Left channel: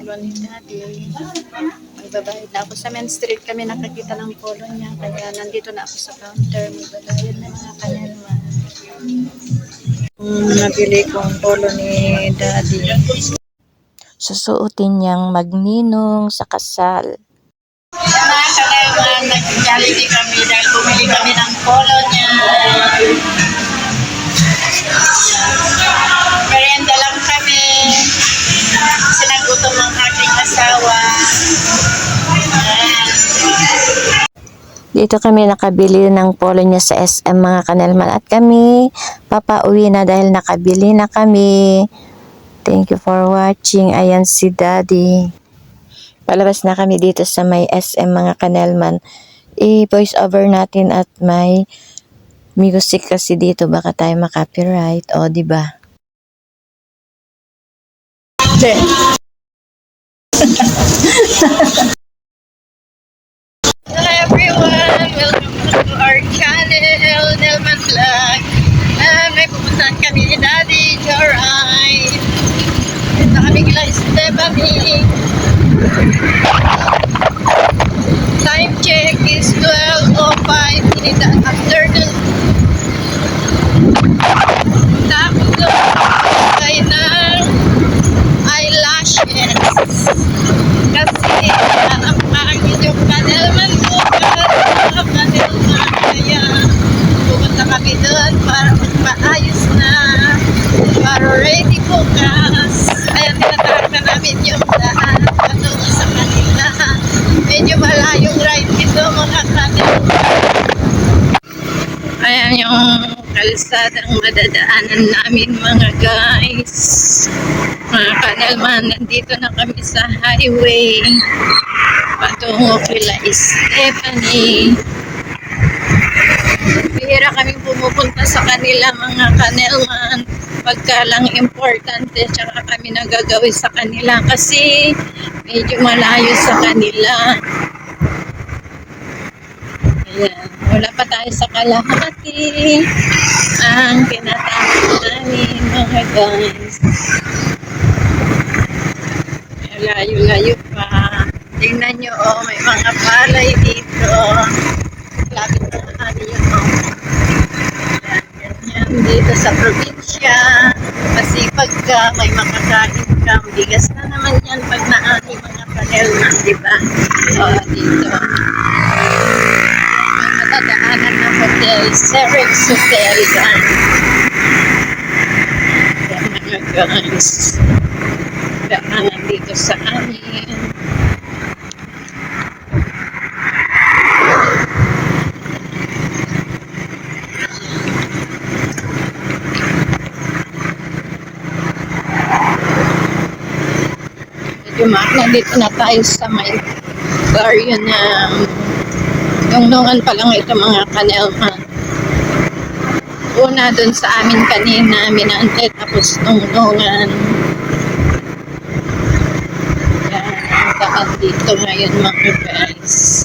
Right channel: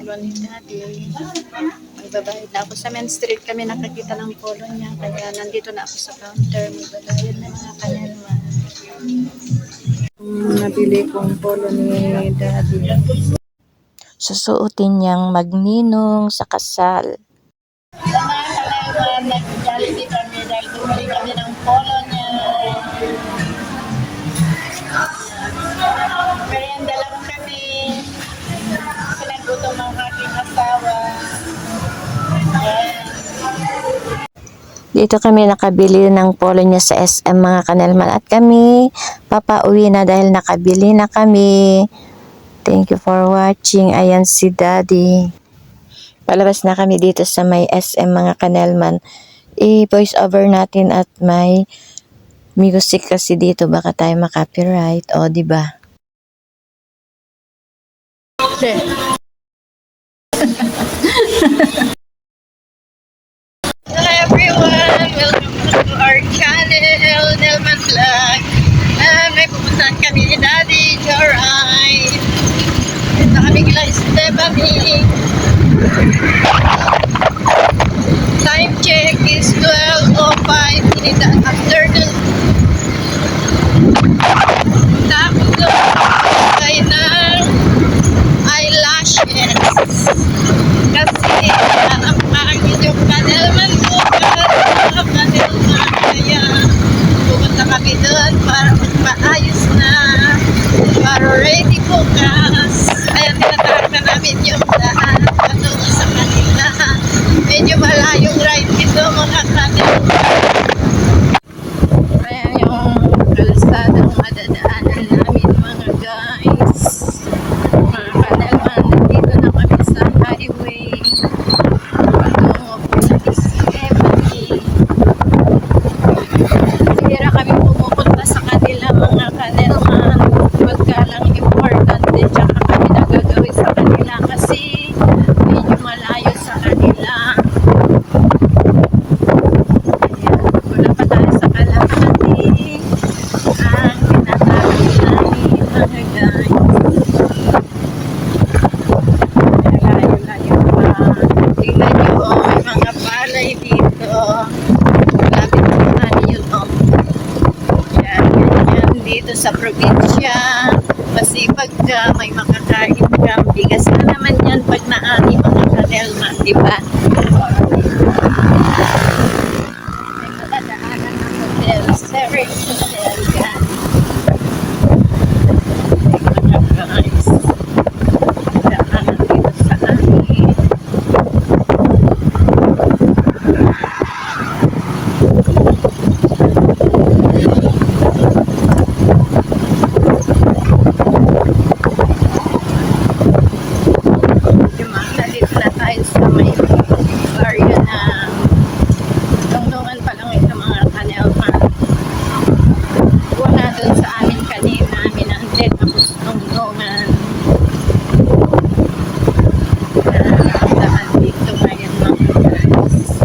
polo ni Daddy. Magbabayad na ako. Sa Main Street kami nakakita ng polo niya. Kaya nandito na ako sa counter. Magbabayad na mga kanelma. Nabili kong polo ni Daddy. Susuotin niyang magninong sa kasal. Yan mga kanelma, nag-Jollibee kami dahil bumili kami ng polo niya. Merienda lang kami. Sinagutom ang aking asawa. Ayan. Dito kami nakabili ng polo niya sa SM mga kanelman. At kami papauwi na dahil nakabili na kami. Thank you for watching. Ayan si Daddy. Palabas na kami dito sa may SM mga kanelman. I-voice over natin at may music kasi dito. Baka tayo makapiright. O, diba? Hello everyone! Welcome to our channel, Nelman Vlog. May pupuntahan kami ni Daddy, Joray. Ito kami kila Stephanie. Time check is 12:05 in the afternoon. Tapos tayo ng eyelashes. Kasi ang pangit yung kanelman ko. Kaya pupunta kami doon para magpaayos na. Para ready bukas. Kaya tinatawag na namin yung daan patungo sa kanila. Medyo malayong ride ito mga kanelman. Ayan yung kalsadang madadaanan namin mga guys. Mga kanelman, nandito na kami sa highway patungo kila Stephanie. Bihira kami pumupunta sa kanila mga kanelman pagka lang importante, tsaka kami nagagawin sa kanila kasi medyo malayo sa kanila. Ayan, wala pa tayo sa kalahati ang tinatapos namin mga guys. Layo-layo pa. Tingnan nyo, may mga palay dito. Lapit naman yun, yan, dito sa probinsya. Kasi pagka may makakain ka, bigas na naman yan pag naani mga kanelman, diba? Dito. Matadaanan ng hotel, Cerex Hotel yan. Mga guys. Daanan dito sa amin. Nandito na tayo sa may baryo ng Dongdongan pa lang ito mga kanelman. Una dun sa amin kanina, Minante, tapos Dongdongan. Daan dito ngayon mga guys.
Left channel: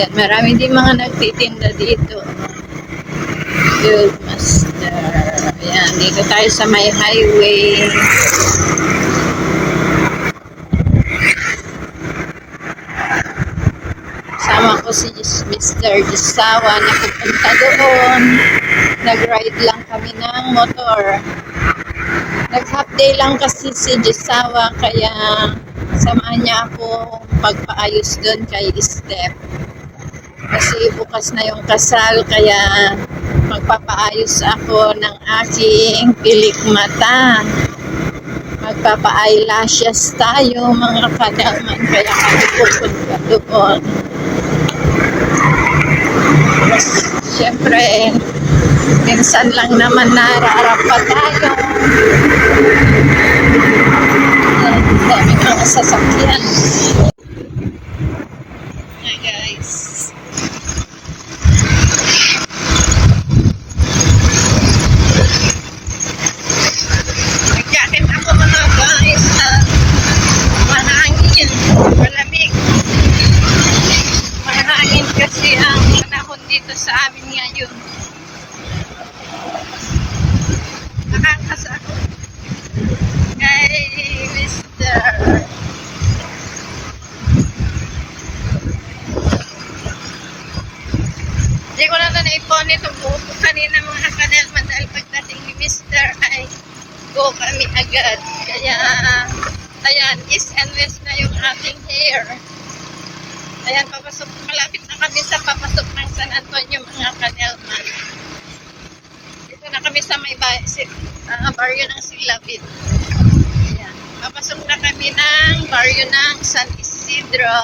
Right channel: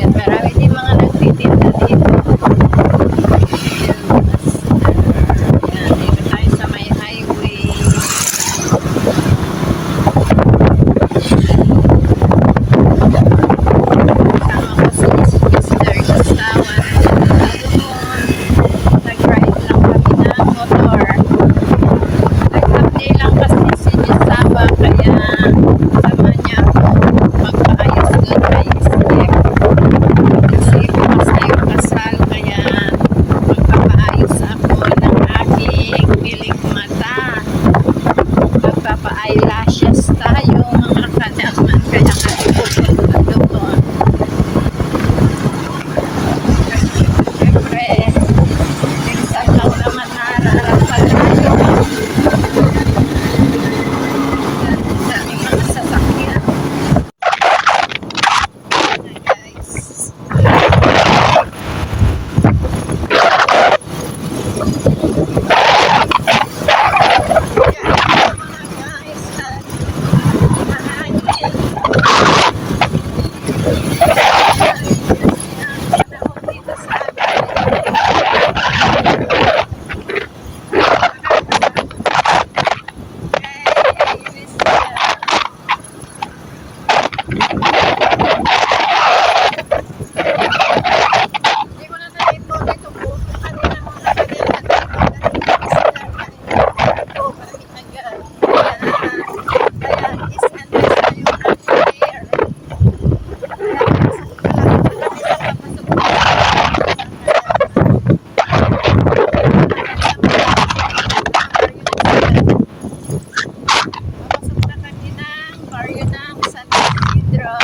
Yan, marami din mga nagtitinda dito. Good master. Yan, dito tayo sa may highway. Kasama ko si Mr. Gisawa na pupunta doon. Nag-ride lang kami ng motor. Nag-half day lang kasi si Gisawa kaya samahan niya ako magpaayos doon kay Steph. Kasi bukas na yung kasal kaya magpapaayos ako ng aking bilik mata. Magpapa-eyelashes tayo mga kanelman kaya kami pupunta doon. Siyempre, minsan lang naman nararap pa tayo. Daming mga sasakyan. Hey guys. Jacket ako mga guys. Mahangin. Mahangin kasi ang panahon dito sa amin ngayon. Nakakasakot. Kay Mr. east and west na yung ating air. Kaya papasok, malapit na kami sa papasok ng Sanalman yung mga Kanelman. Ito na kami sa may bayan baryo ng Silapit. Papasok na kami ng baryo ng San Isidro.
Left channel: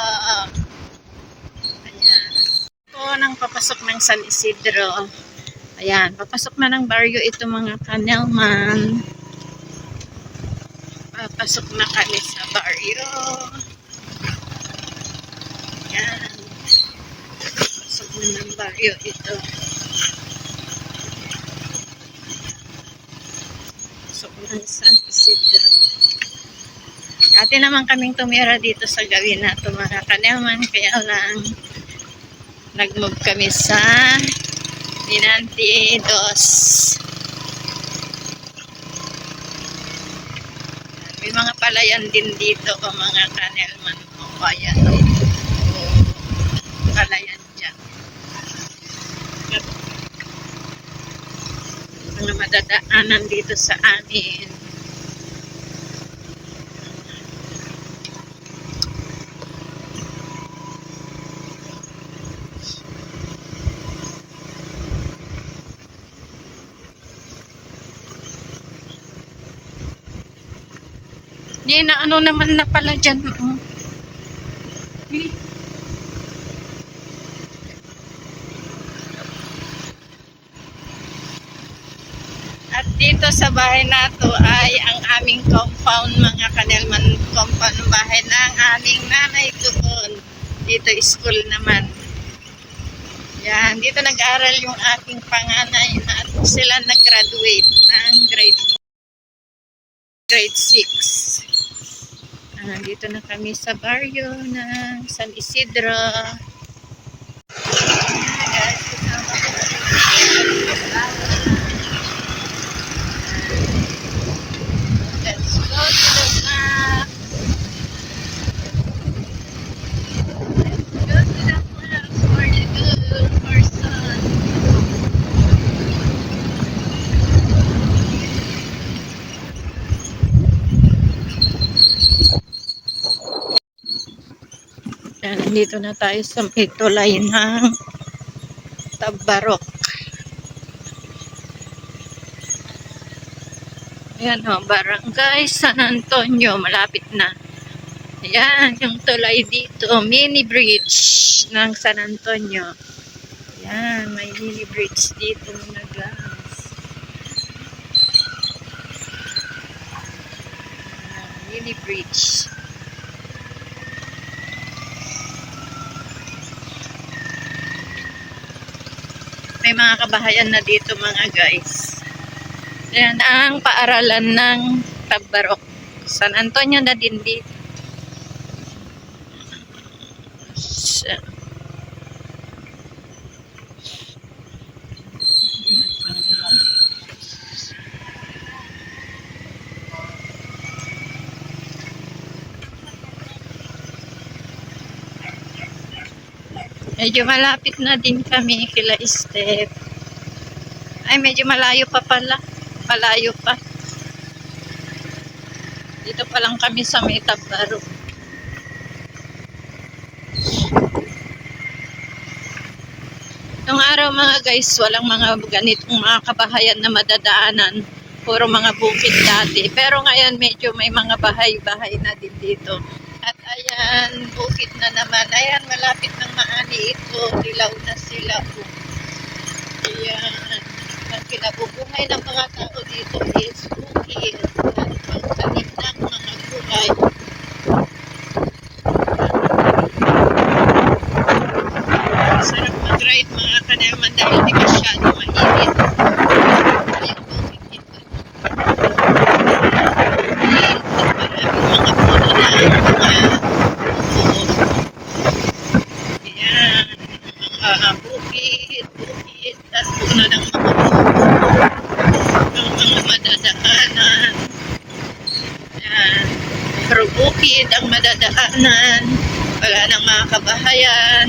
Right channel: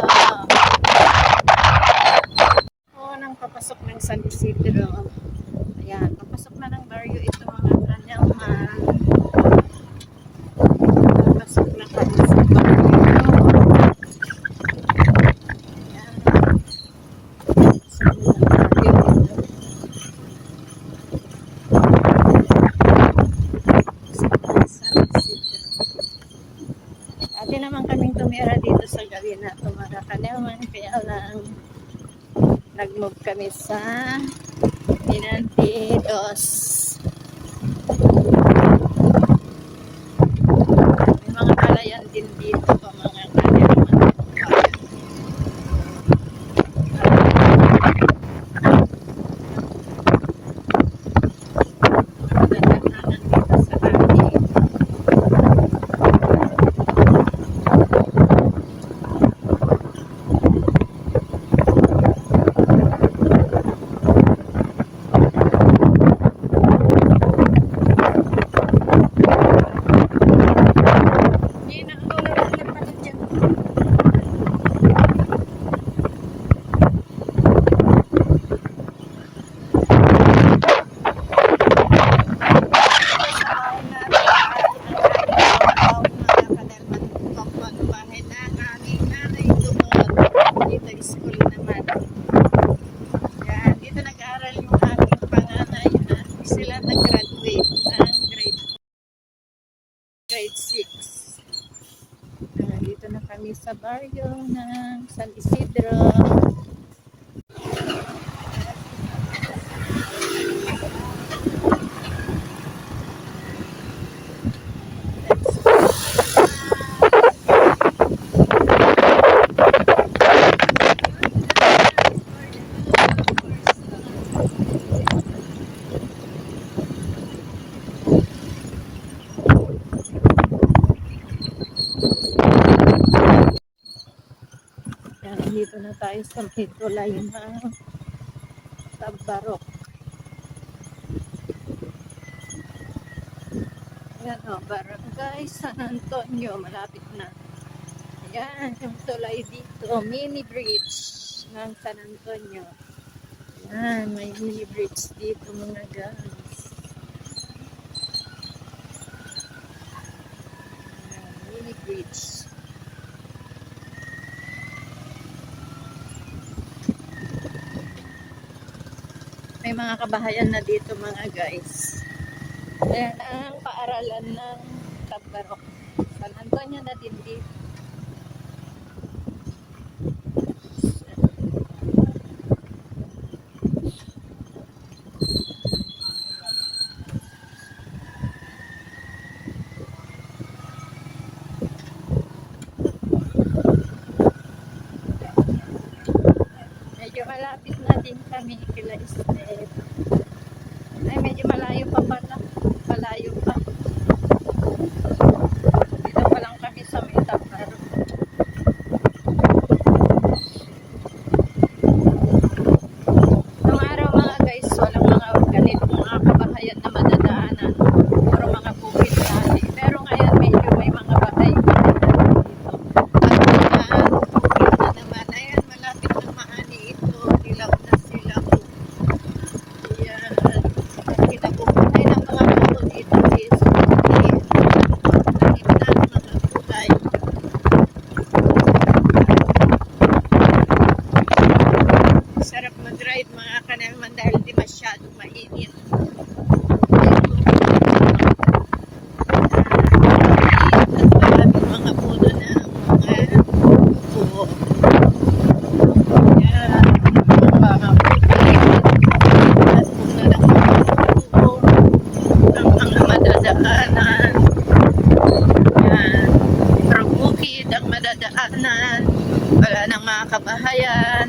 Ito nang papasok ng San Isidro. Ayan, papasok na ng baryo ito mga Kanelman. Papasok na kami sa baryo. Ayan. Papasok na ng baryo ito. Papasok na San Isidro. Dati naman kaming tumira dito sa gawin na ito mga Kanelman. Kaya lang nag-move kami sa Pinantidos. May mga palayan din dito pa mga Kanelman. Bayan. Palayan dyan. Mga madadaanan dito sa amin. Hindi na ano naman na pala dyan. Dito sa bahay na to ay ang aming compound mga Kanelman, compound ng bahay ng aming nanay doon. Dito school naman. Yan, dito nag-aaral yung aking panganay at sila nag-graduate ng grade 6. Dito na kami sa baryo ng San Isidro. Let's go to the map. Go to the map for the good person. Nandito na tayo sa may tulay ng Tabarok. Ayan o, Barangay San Antonio, malapit na. Ayan, yung tulay dito, mini bridge ng San Antonio. Ayan, may mini bridge dito mga guys. Mini bridge. May mga kabahayan na dito mga guys. Ayan ang paaralan ng Tabarok. San Antonio na din dito. Medyo malapit na din kami kila Step. Ay, medyo malayo pa pala. Malayo pa. Dito pa lang kami sa may Tabarok. Noong araw mga guys, walang mga ganitong mga kabahayan na madadaanan. Puro mga bukid dati. Pero ngayon medyo may mga bahay-bahay na din dito. At ayan, bukid na naman. Ayan, malapit ng Maani ito. Dilaw na sila. Ayan. At kinabubuhay ng mga tao dito is bukid. At pagtanim ng mga gulay. Sarap mag-ride mga Kanelman dahil di masyado mainit. Ayan po. Maraming mga puno na mga buo. Ayan. Mga bukid. At puno ng mga buo. Ang mga madadaanan. Ayan. Pero bukid ang madadaanan. Wala ng mga kabahayan.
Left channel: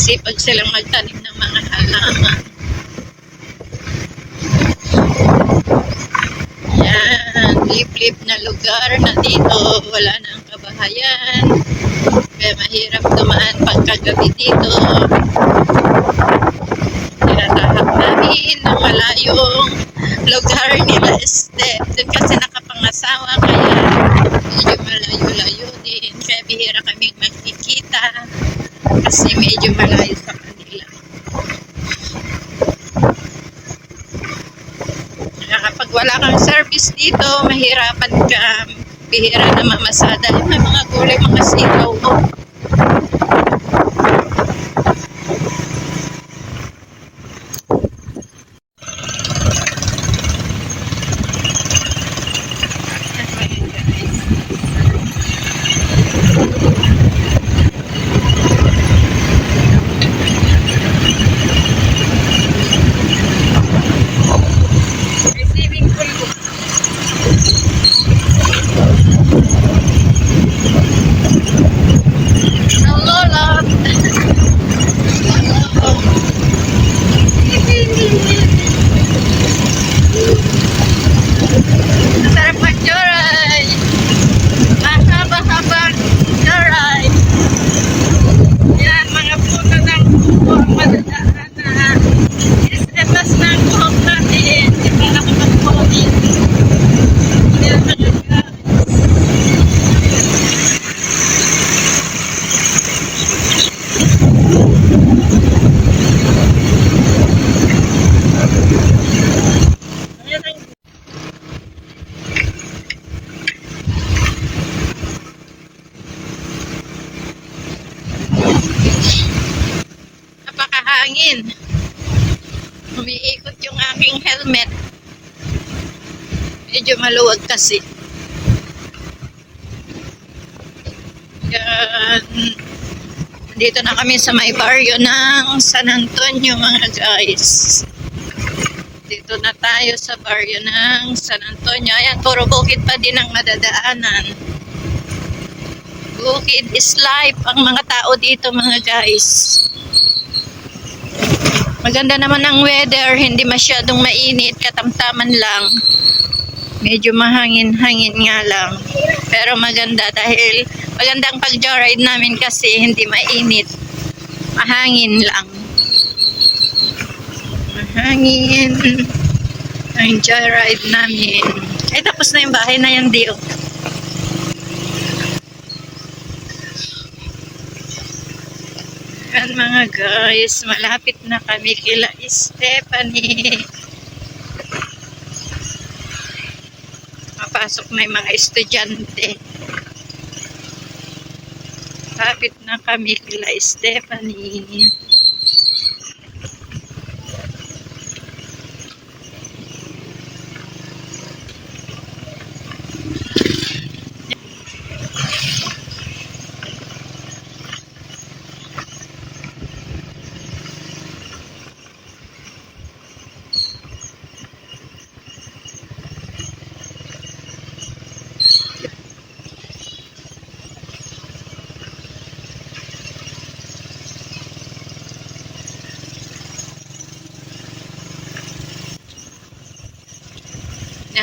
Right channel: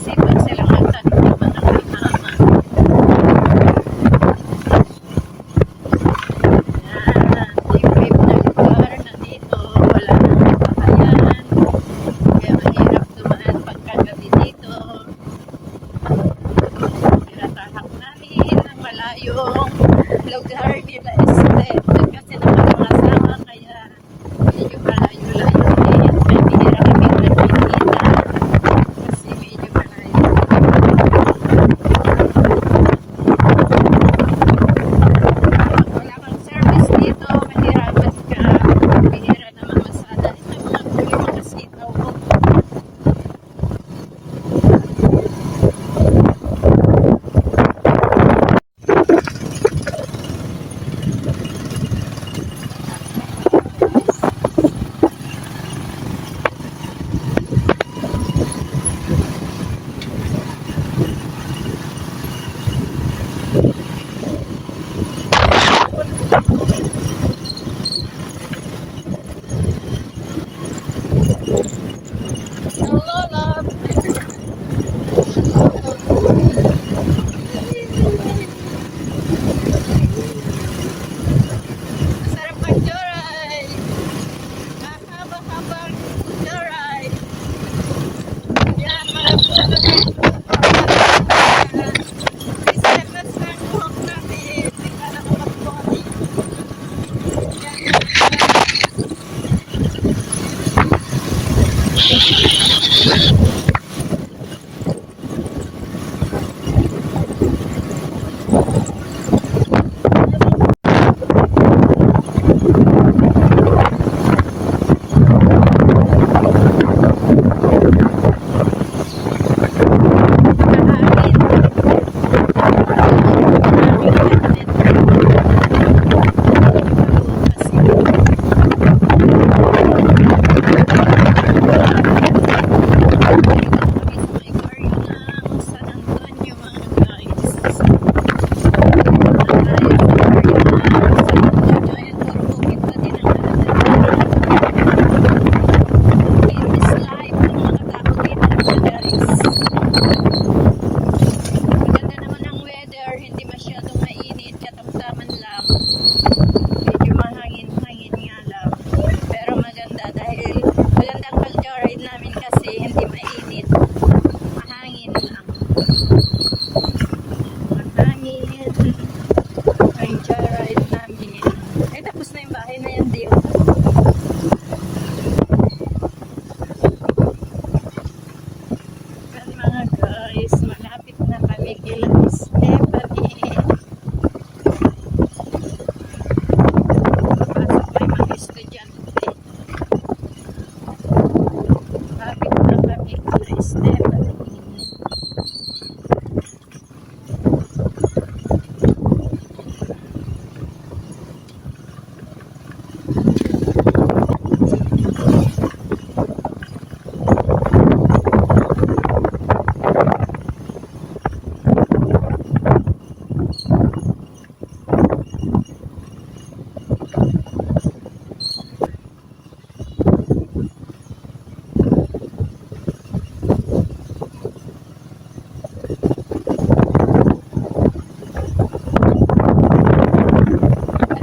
nagsisipag silang magtanim ng mga halaman. Yan, liblib na lugar na dito, wala nang kabahayan. Kaya mahirap dumaan pagkagabi dito. Tinatahak namin ng malayong lugar nila Step. Kasi nakapangasawa, kaya medyo malayo-layo din. Kaya bihira kaming magkikita kasi medyo malayo. Kaya kapag wala kang service dito, mahirapan ka. Bihira na mamasada. May mga gulay, mga sitaw. Oh. Lolot. Sarap mag-joyride. Mahaba-habang joyride. Yan, mga puto ng buhok. Istetas ng buhok natin. Hindi pa nakapag-pony. Yan, napakahangin. Umiikot yung aking helmet. Medyo maluwag kasi. Yan. Dito na kami sa may baryo ng San Antonio, mga guys. Dito na tayo sa baryo ng San Antonio. Ayan, puro bukid pa din ang madadaanan. Bukid is life ang mga tao dito, mga guys. Maganda naman ang weather, hindi masyadong mainit, katamtaman lang. Medyo mahangin-hangin nga lang. Pero maganda dahil magandang pag-joyride namin kasi hindi mainit. Mahangin lang. Mahangin ang joyride namin. Ay, tapos na yung bahay na yan, Dio. Yan, mga guys, malapit na kami kila Stephanie. Papasok may mga estudyante. Malapit na kami kila Stephanie.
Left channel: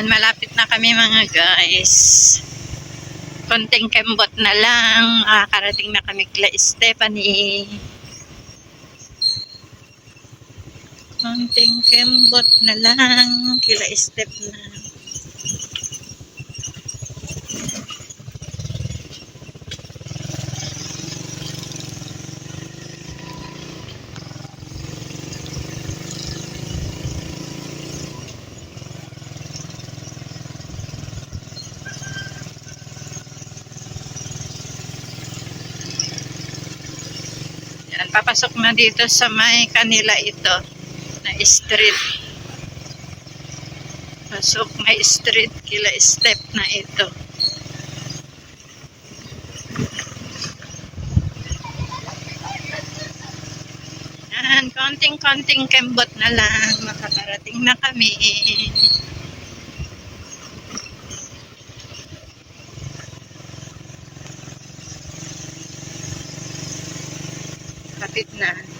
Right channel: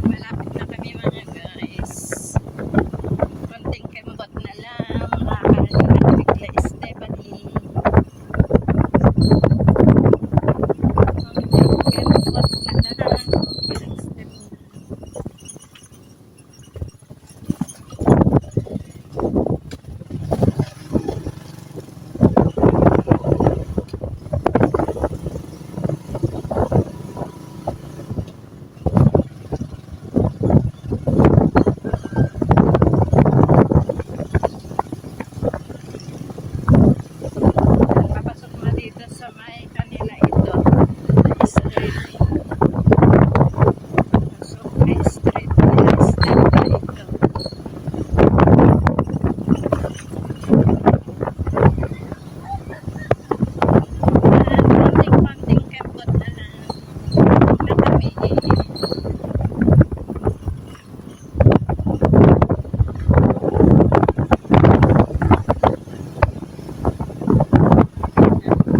Malapit na kami, mga guys. Konting kembot na lang. Makakarating na kami kila Stephanie. Konting kembot na lang kila Stephanie. Papasok na dito sa may kanila ito na street. Pasok na street kila Step na ito. Yan, konting-konting kembot na lang. Makakarating na kami. Kapit na.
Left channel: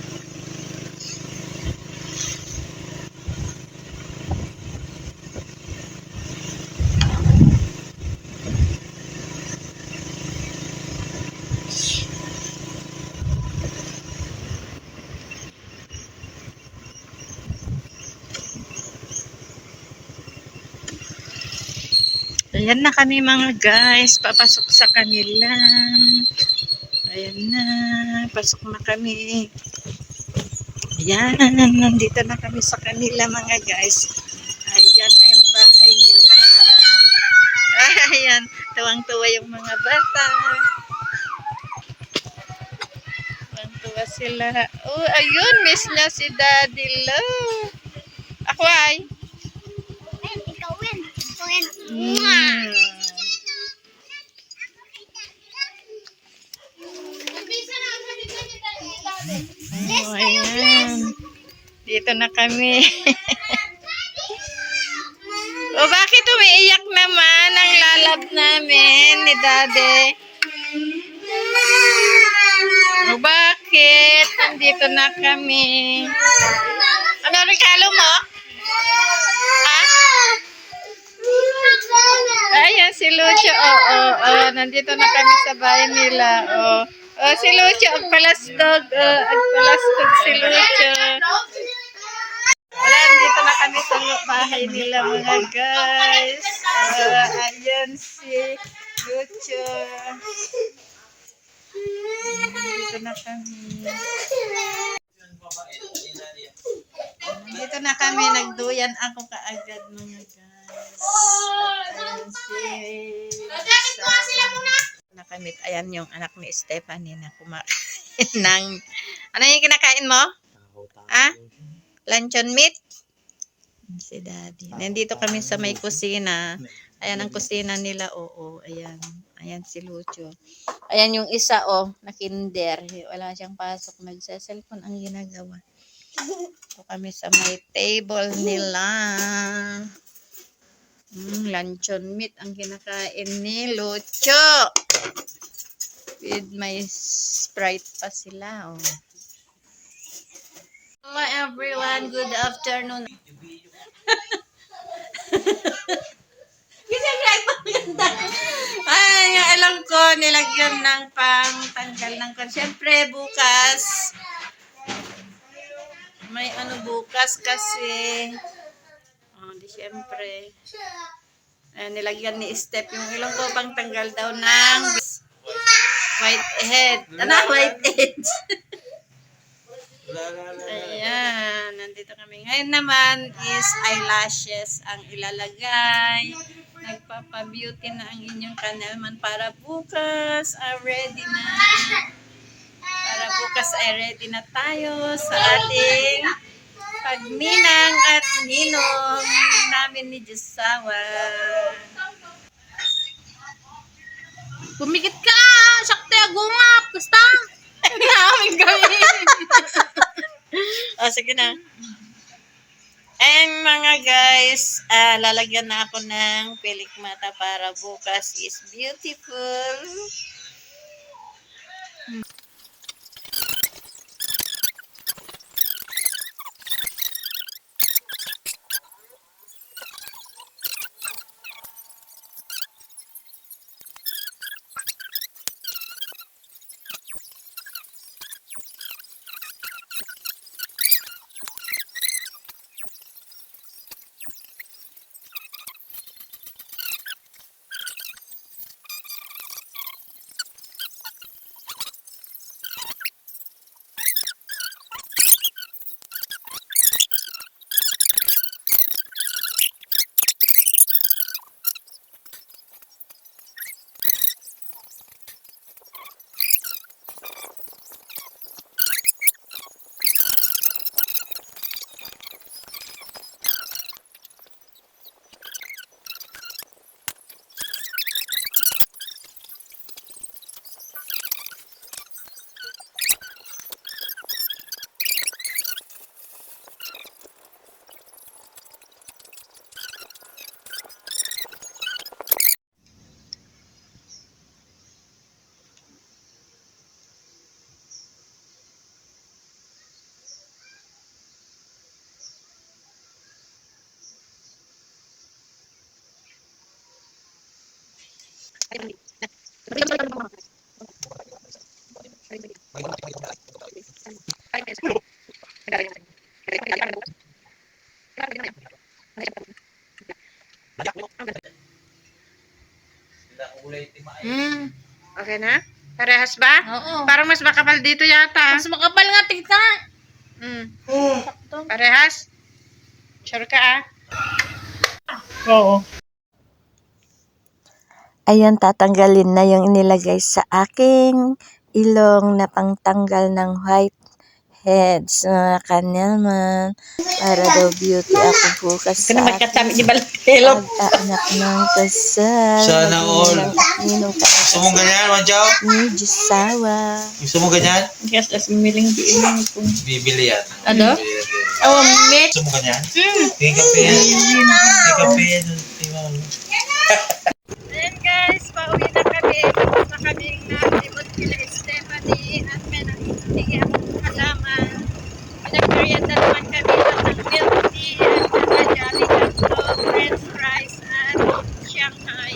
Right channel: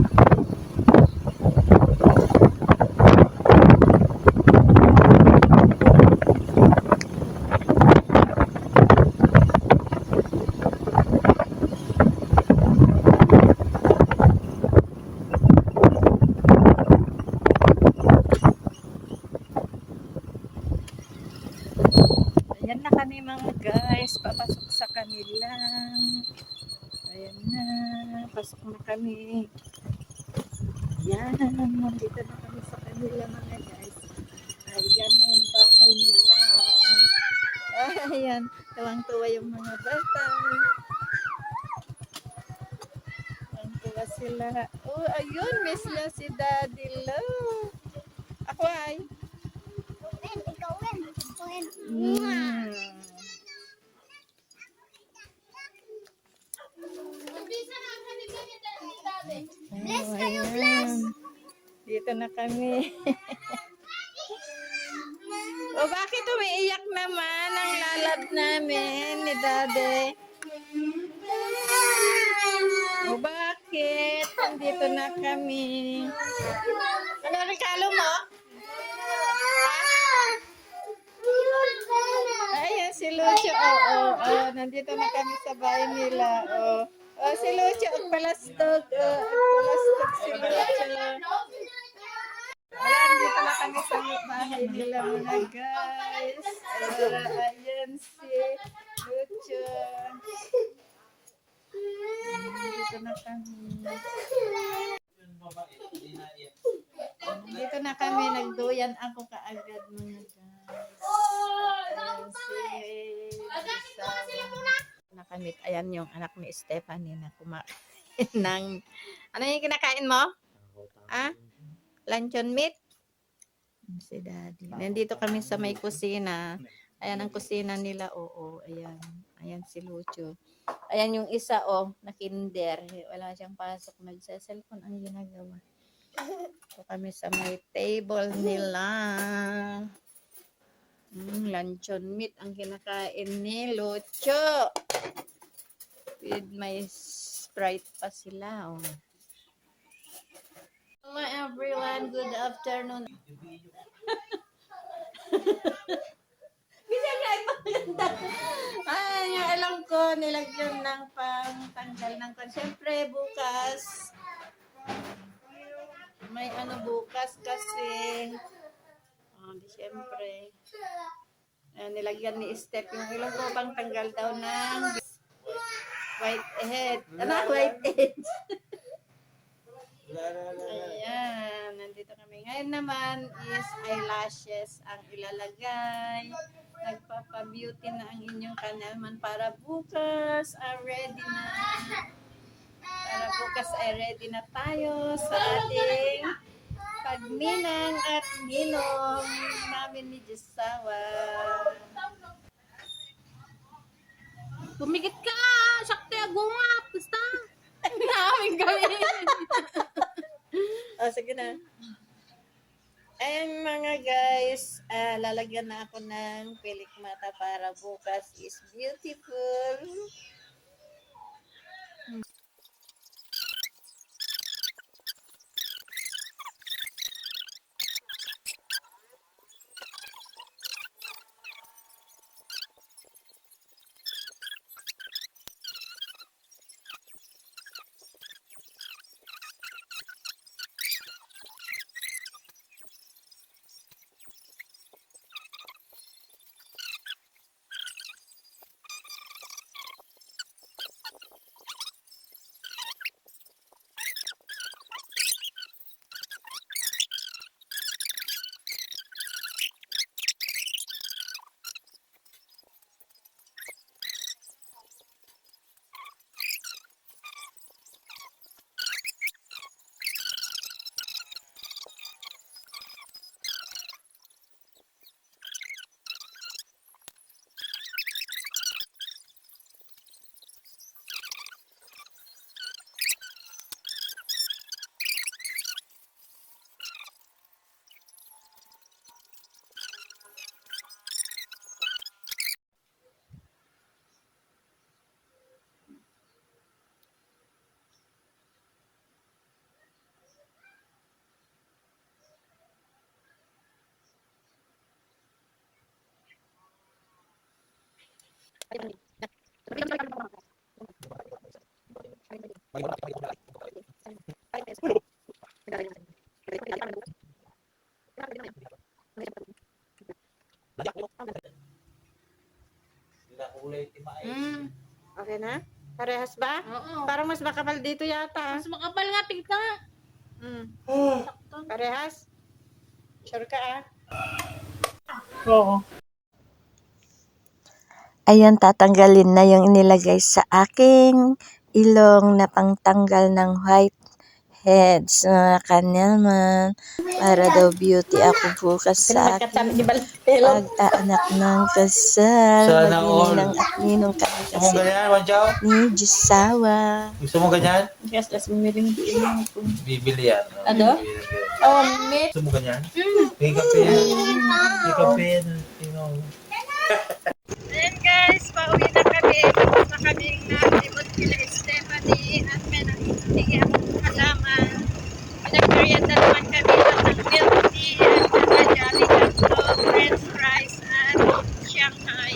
Ayan na kami mga guys, papasok sa kanila. Ayan na, pasok na kami. Ayan, nandito na kami sa kanila mga guys. Ayan na yung bahay nila. Ayan, tuwang-tuwa yung mga bata. Tuwang-tuwa sila. Oh, ayun, miss na si Daddy Lo. Ako ay. Mm. Oh, ayan. Dito na kami. O bakit umiiyak naman ang lalab namin ni Daddy? O bakit? Nandito na kami. Ano regalo mo? Ha? Ayan si Lucio. Nandito na kami sa bahay nila. Si Lucio, agpalastog. Agpalastog si Lucio. Wala, dito na kami sa bahay nila mga guys. Ayan si Lucio. Dito na kami. Dito na kami. Nagduyan ako kaagad mga guys. Ayan si nakamit. Ayan yung anak ni Stephanie na kumakain ng ano yung kinakain mo? Ah? Luncheon meat? Si Daddy. Nandito kami sa may kusina. Ayan ang kusina nila. Oo, ayan. Ayan si Lucio. Ayan yung isa, na kinder. Wala siyang pasok. Nagsa-cellphone ang ginagawa. Ito kami sa may table nila. Luncheon meat ang kinakain ni Lucio. With my Sprite pa sila, Hello everyone, good afternoon. Ay, yung alam ko, nilagyan ng pang-tanggal ng kon. Siyempre, bukas, may bukas kasi, di siyempre, nilagyan ni Steph yung ilong ko pang-tanggal daw ng whitehead. Whitehead. Ayan, nandito kami. Ngayon naman is eyelashes ang ilalagay. Nagpapa-beauty na ang inyong kanalman para bukas ay ready na. Para bukas ay ready na tayo sa ating pagninang at ninong namin ni Josawa. Bumigit ka! Sakte agungap! Basta! Namin kami! Sige na. And mga guys, lalagyan na ako ng pilik mata para bukas is beautiful. Yan ha? Parehas ba? Oo. Parang mas makapal dito yata. Mas makapal nga, tigta. Parehas? Sure ka ah? Oo. Ayan, tatanggalin na yung inilagay sa aking ilong na pangtanggal ng whiteheads, mga kanelman. Para daw beauty ako bukas Kaya sa magkatami aking ni Balkelo. pag-aanak ng kasal. Sana Mag-ininang all. at ninong kami Gusto mo kasi ganyan, Wancho? ni Jusawa. Gusto mo ganyan? Yes, tas miling di mo kung... Bibili yan. Ano? Bibili yan. Oh, mate. Gusto mo ganyan? Take a pen. Take a pen. Ayan guys, pauwi na kami. Tapos na kaming nalimot kila Stephanie at may nakikinig akong halaman. Pinag-merienda naman kami ng milk tea at saka Jolly Canto, french fries at Shanghai.